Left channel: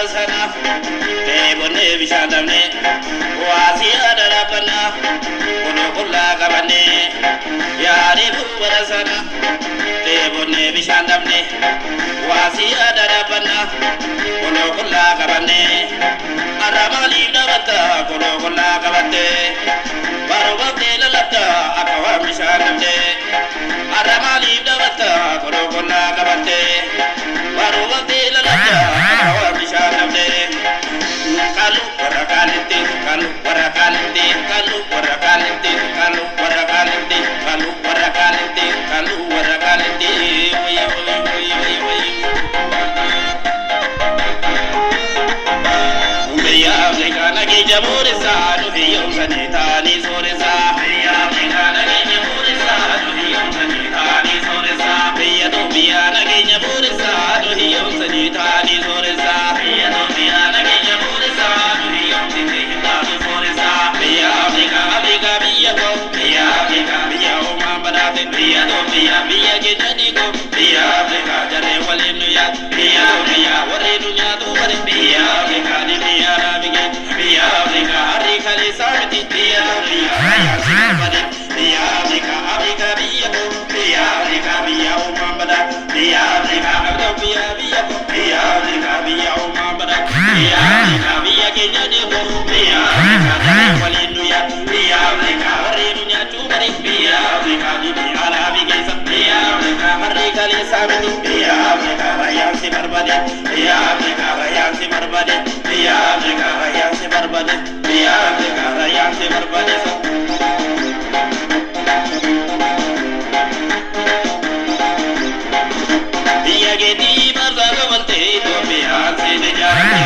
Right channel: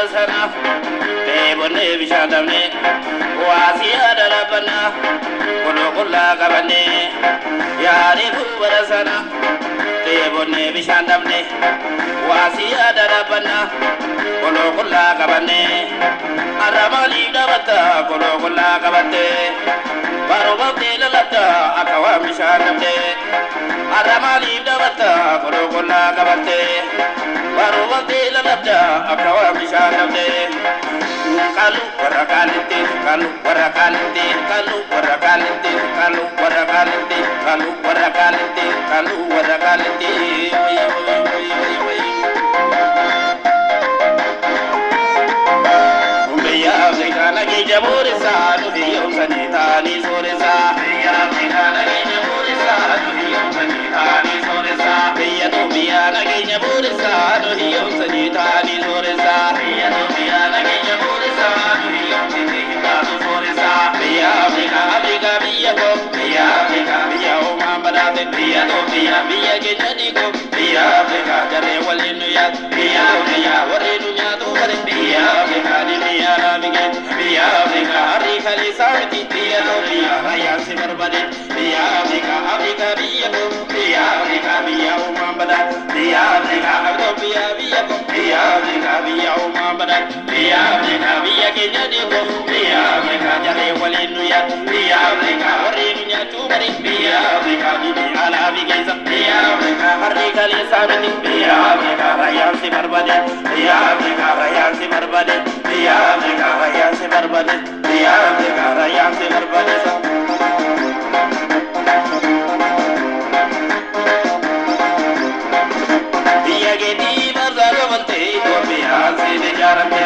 barasana Tebone bishandamne Wasiya darabana Kulu kulla kabane Yari ku barasana Tebone bishandamne Wasiya darabana Kulu kulla kabane Aramali dabata Kulu kulla kabate Barobate lalata Akawa bishandamne Aramali dabata Kulu kulla kabate Barobate lalata Akawa bishandamne Kalu warakalite Kalu warakalite Kalu warakalite Kalu warakalite Kalu warakalite Kalu warakalite Oya oya oya oya oya Umeya Afrikana ki jamure sa Nuhiyo sanita ni sore sa Umeya Afrikana ki jamure sa Nuhiyo sanita ni sore sa Umeya Nubiana ki jamure sa Nuhiyo sanita ni sore sa Umeya Nubiana ki jamure sa Nuhiyo sanita ni sore sa Umeya Afrika Afrika biya ko Umeya Afrika biya o mambarate Umeya Nubiya biya ke jadi ko Umeya Afrika jare wale nuya Umeya Umeya wale nuya tu kare Umeya Afrika ni biya rabige Umeya Afrika Afrika le saudi Umeya Nubiya raya sikar bade Umeya Afrika Afrika biya ko Umeya Afrika biya o mambarate Umeya Afrika Nubiya biya ko Umeya Afrika biya o mambarate Umeya Afrika biya ke jadi ko Umeya Afrika jare wale nuya Umeya Afrika wale nuya tu kare Umeya Afrika ni biya rabige Umeya Afrika Afrika le saudi Umeya Afrika raya sikar bade Umeya Afrika raya sikar bade Umeya Afrika raya sikar bade Umeya Afrika raya sikar bade Dia gedi barzaga balte to bihan se de jarane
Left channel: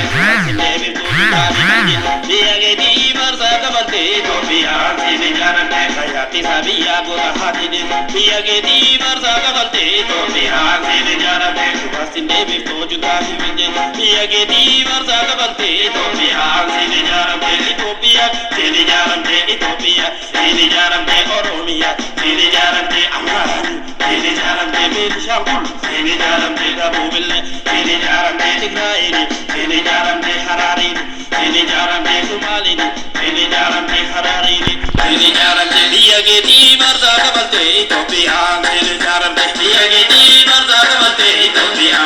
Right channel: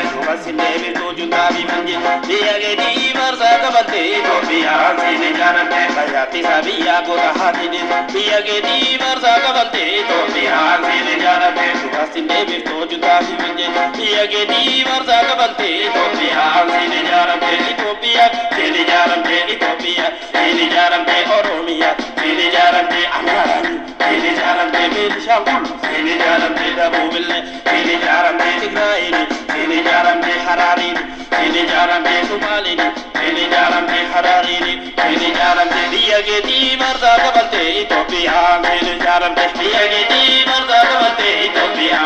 sile de to dikali magi Dia gedi barzaga balte to bihan se de jarane hayati sabiya go rahati de Dia gedi barzaga balte to bihan se de jarane sile de to dikali magi Dia gedi barzaga balte to bihan se de jarane Ethiopia se de jarane Ethiopia se de jarane Oromia se de jarane Amhara se de jarane Benishangul se de jarane Dabubille se de jarane Tigray se de jarane Harari se de jarane Somali se de jarane Harari se de jarane Dia gedi barzaga balte Ethiopia se de jarane Dia gedi barzaga balte Ethiopia